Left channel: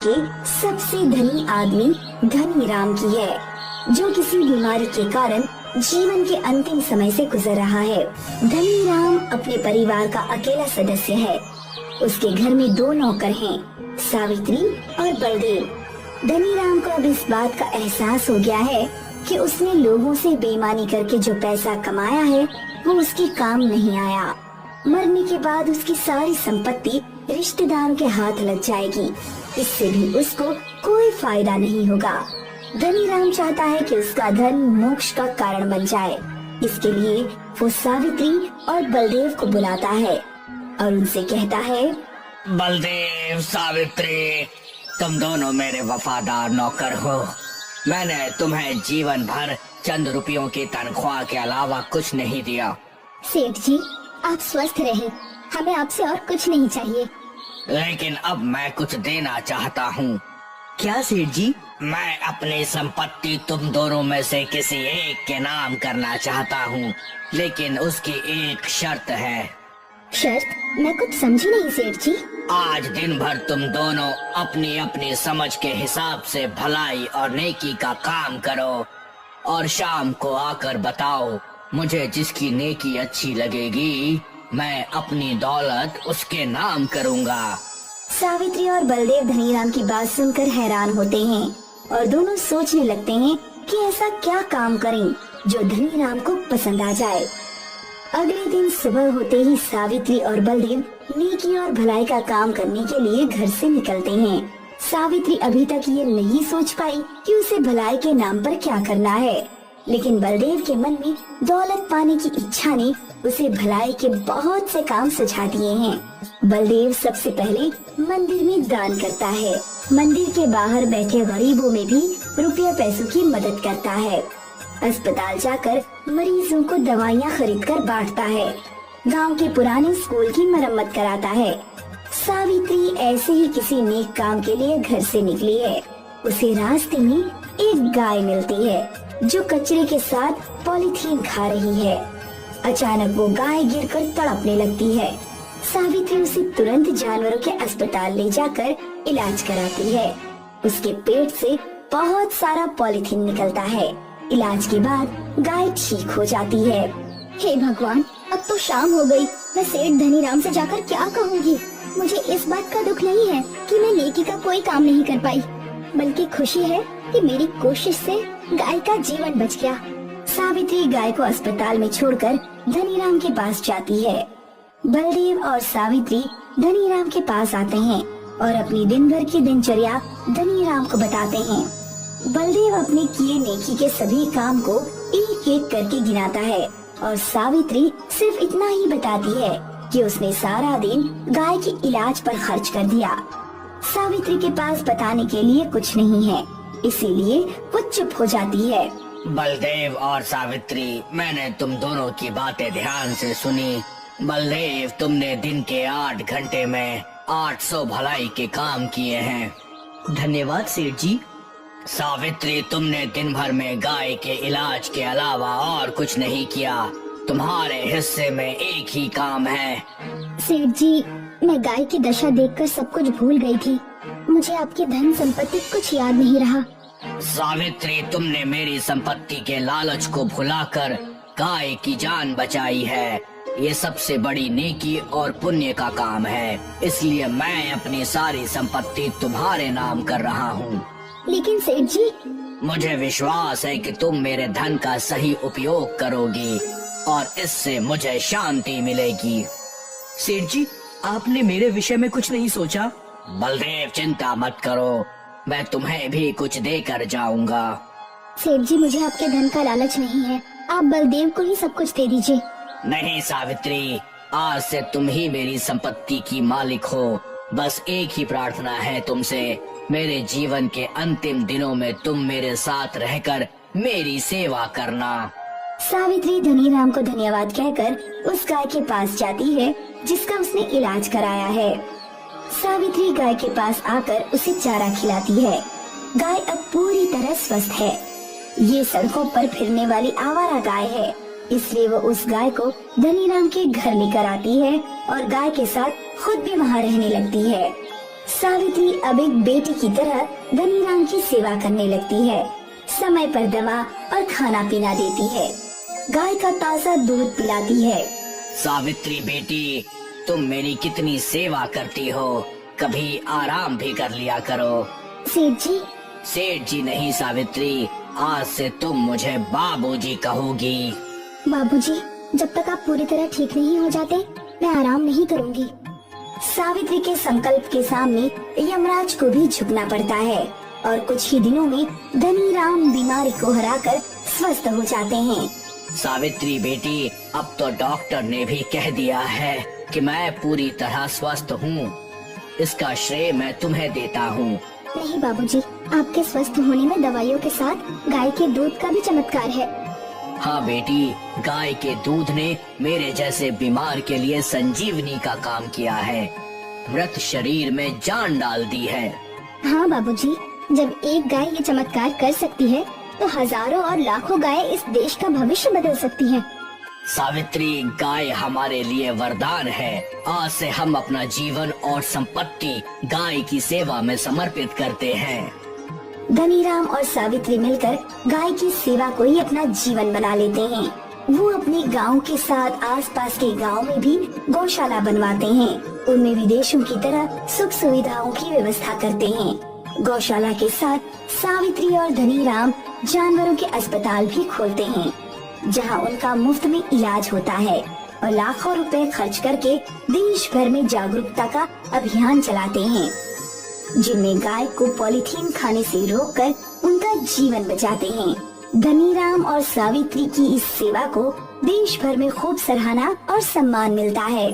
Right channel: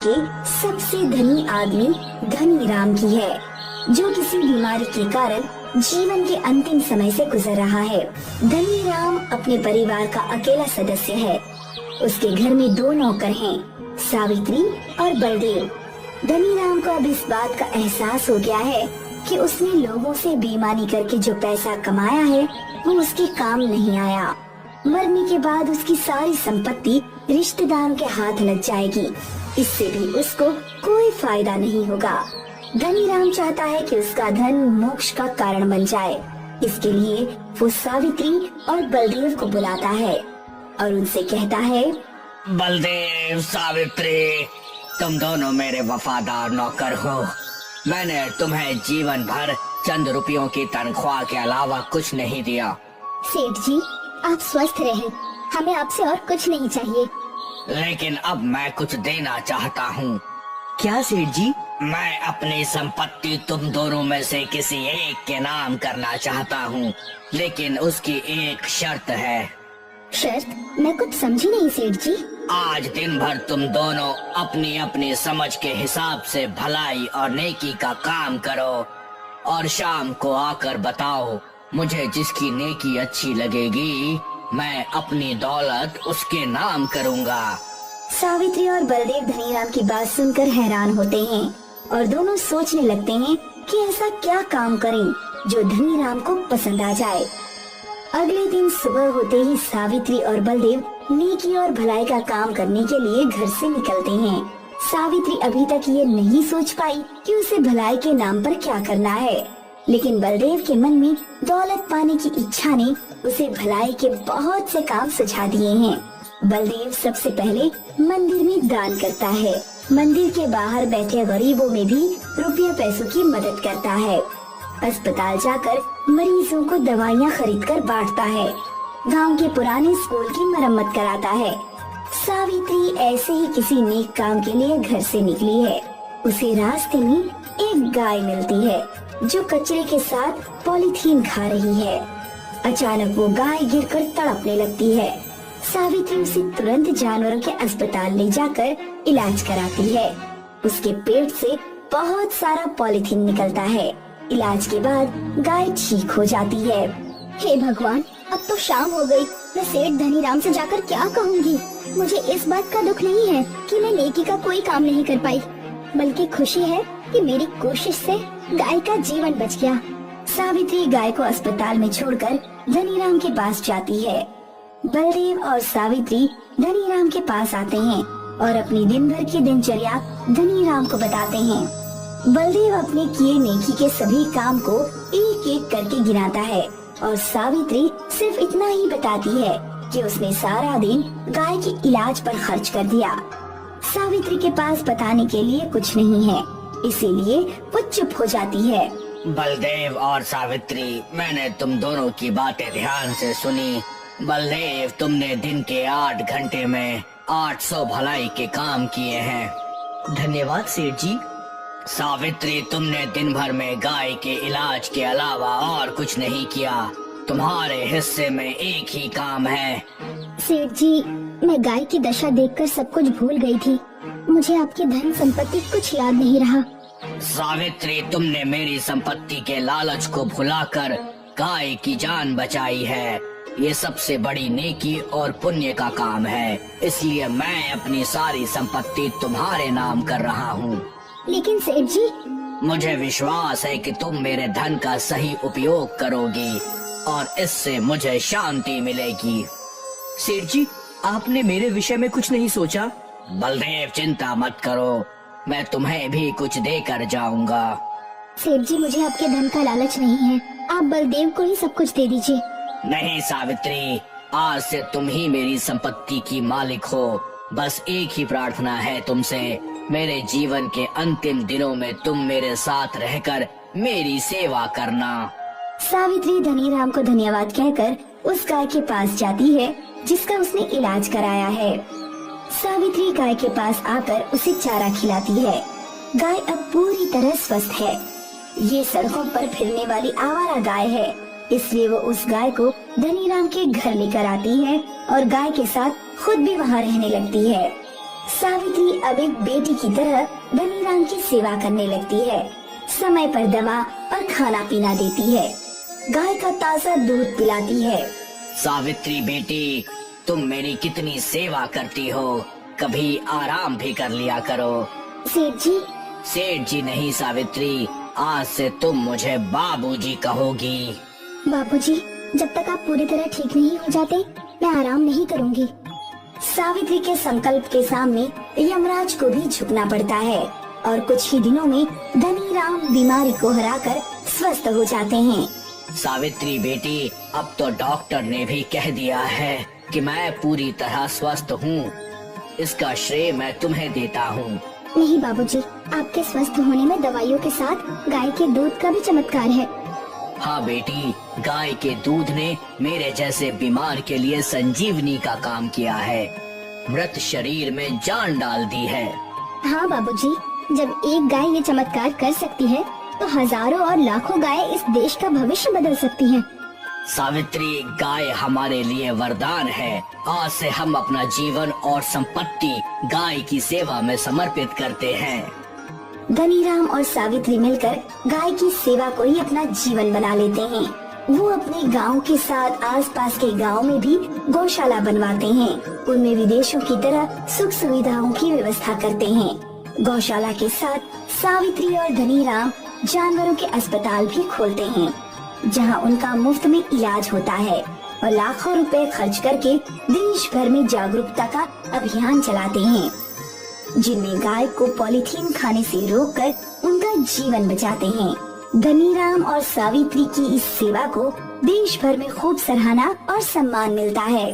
के सबसे धनी आदमी धनीराम की है, जो किसी बीमारी के कारण जीवन के अंतिम समय से गुजर रहा है। धनीराम अपने परिवार का अकेला सदस्य है। उसके घर में दो नौकर हैं, सावित्री और बलदेव। धनीराम को अब इस बात का एहसास हो गया है कि उसने लोगों से बेईमानी करके जो पैसा कमाया है वो उसके काम नहीं आया। मरने के बाद उसकी सारी संपत्ति रिश्तेदारों के हाथ लग जाएगी। इससे भी उसको कोई फायदा नहीं होगा। धनीराम चाहता है कि उसका धन मोक्ष का कारण बन जाए। इसके लिए वो सावित्री और बलदेव को बुलाता है और उनसे कहता है, बलदेव, सावित्री, तुम दोनों मेरे वफादार नौकर हो। मैंने तुम्हें जीवन भर चंद रुपयों की तनख्वाह के अलावा कुछ नहीं दिया। सेठ जी, आप स्वस्थ रहें, हमें आपसे और कुछ नहीं चाहिए। लेकिन अब मैं कुछ देना चाहता हूँ। क्या सेठ जी? मैं अपनी संपत्ति तुम दोनों में से किसी एक के नाम करना चाहता हूँ, लेकिन उसकी एक शर्त है। शर्त? मैं कुछ समझी नहीं सेठ जी। आज दिन भर तुम दोनों अपनी अपनी समझ के हिसाब से भलाई और नेकी का काम करो और शाम को आकर बताओ। मुझे जिसकी नेकी अच्छी लगेगी मैं अपनी दौलत उसके नाम करूँगा। सावित्री और बलदेव धनीराम की बात सुनकर हैरान होते हैं और दोनों सोचने लगते हैं कि ऐसा क्या काम करें जो धनीराम को पसंद आ जाए। अगले दिन सुबह होते ही सावित्री और बलदेव नेकी और भलाई का काम करने के लिए घर से निकलते हैं। सावित्री अभी तक ये नहीं सोच पाई कि उसे भलाई के नाम पर क्या करना है, लेकिन बलदेव के मन में दौलत पाने की इच्छा ने उसे भलाई के बहुत से काम सुझा दिए हैं। बलदेव सबसे पहले मंदिर में दान करता है। मंदिर के बाहर बैठे गरीबों में भी रुपया पैसों की मदद करता है। अस्पताल जाकर मरीजों को दवाइयाँ खरीद कर बांटता है। गांव के पुराने स्कूल की मरम्मत कराता है। सावित्री ऐसे ही किसी नेक काम के लिए घर से निकली है। उसे रास्ते में एक गाय मिलती है जो कचरे के साथ पॉलीथीन खा रही है। अचानक वो गाय गिरकर तड़पने लगती है। सावित्री उसे तुरंत जानवरों के अस्पताल ले जाकर इलाज कराती है। उसके पेट से बहुत सारा पॉलीथीन निकलता है। इलाज के बाद गाय ठीक हो जाती है। हे भगवान, अब तो शाम हो गई। मैं सेठ धनीराम से जाकर क्या कहूँगी? मुझे इस बात का दुख नहीं है कि मैं नेकी का कोई काम नहीं कर पाई, बल्कि खुशी है कि मेरी कोशिश से गाय का जीवन बच गया। सावित्री गाय को अस्पताल में छोड़कर धनीराम के पास जाती है। बलदेव और सावित्री धनीराम के पास आते हैं और अपनी दिन भर की दिनचर्या धनीराम को बताते हैं। बलदेव अपने किए नेकी के सभी काम को एक एक करके गिनाता है और सावित्री सिर्फ इतना ही बताती है कि उसने सारा दिन गाय के इलाज पर खर्च कर दिया। सावित्री के पास बताने के लिए कुछ नहीं है, इसीलिए वो चुप हो जाती है। बलदेव और सावित्री, मैंने तुम दोनों की बातें ध्यान से सुनी। बलदेव, तुमने दिन के 8 घंटे में 800 भलाई के काम किए हैं। धन्यवाद सेठ जी। सावित्री, तुमने दिन भर में गाय के इलाज के अलावा और कुछ नहीं किया। तुम्हारे हिस्से में एक ही काम है। सेठ जी, मैं गाय की दशा देखकर सब कुछ भूल गई थी। मुझे आपकी धन संपत्ति कुछ याद नहीं रहा। सावित्री, तुमने मेरी संपत्ति के लालच को भुलाकर गाय की जान बचाई है। ये सबसे बड़ी नेकी और पुण्य का काम है, इसलिए मैं अपनी सारी संपत्ति तुम्हारे नाम कर रहा हूँ। लेकिन सेठ जी, मुझे विश्वास है कि तुम मेरे धन का सही उपयोग करोगी और इससे मुझे शांति मिलेगी। सेठ जी, आपने मेरे विषय में कुछ नहीं सोचा? बलदेव, चिंता मत करो, मैं तुम्हें भी कुछ देकर जाऊंगा। सेठ जी, मुझे आपके धन का लालच नहीं है। आप बलदेव को ही सब कुछ दे दीजिए। नहीं सावित्री, आज से तुम ही मेरी संपत्ति की मालिक हो। बस एक ही प्रार्थना है तुमसे, मेरे जीवन के अंतिम दिनों में तुम मेरे साथ रहकर मेरी सेवा करना। सावित्री धनीराम को धन्यवाद कहकर उस गाय के पास जाती है जिसका उसने इलाज कराया है। सावित्री गाय के पास आकर उसे चारा खिलाती है। गाय अब पूरी तरह स्वस्थ है। ये सड़कों पर फिरने वाली आवारा गाय है, इसलिए वो उस गाय को धनीराम के घर लेकर आती है और गाय के साथ खुद भी वहाँ रहने लगती है। सावित्री अब एक बेटी की तरह धनीराम की सेवा करने लगती है। समय पर दवा और खाना पीना देती है, गाय का ताज़ा दूध पिलाती है। सावित्री बेटी, तुम मेरी कितनी सेवा करती हो, कभी आराम भी कर लिया करो। सेठ जी, सेठ जी नहीं सावित्री, आज से तुम मुझे बाबूजी कहोगी। बाबूजी, जब तक आप पूरी तरह ठीक नहीं हो जाते मैं आराम नहीं करूंगी। सावित्री के संकल्प के सामने यमराज को भी झुकना पड़ता है और कुछ ही दिनों में धनीराम बीमारी को हराकर स्वस्थ हो जाते हैं। सावित्री बेटी, अब तो डॉक्टर ने भी कह दिया है कि मैं पूरी तरह स्वस्थ हूँ। इसका श्रेय मैं तुम्हें देता हूँ। नहीं बाबूजी, आपके स्वस्थ होने में दवाइयों के साथ गाय के दूध का भी चमत्कार है। हाँ बेटी, गाय के दूध ने मेरे जैसे बीमार के लिए संजीवनी का काम किया है, मृत शरीर में जान डाल दी है। हाँ बाबूजी, जब एक गाय ये चमत्कार कर सकती है तो हजारों और लाखों गाय इस देश का भविष्य बदल सकती हैं। सावित्री, गाय हमारे लिए वरदान है। आज से हम अपना जीवन और संपत्ति गाय की सेवा में समर्पित करते हैं। धनीराम और सावित्री मिलकर गाय की सेवा को ही अपना जीवन बना लेते हैं। वो अपने गांव के साथ आसपास के गांव में भी गौशाला बनवाते हैं। उनमें विदेशों की तरह सुख सुविधाओं की व्यवस्था करते हैं। गौशाला के साथ सावित्री और धनीराम जानवरों के अस्पताल भी खोलते हैं, जहां उनका मुफ्त में इलाज होता है और लाखों रुपए खर्च करके देश भर में जागरूकता का अभियान चलाते हैं, जिनमें गाय को पॉलीथीन खाने से रोककर उनका जीवन बचाते हैं। धनीराम और सावित्री की इस सेवा को देश भर में खूब सराहना और सम्मान मिलता है।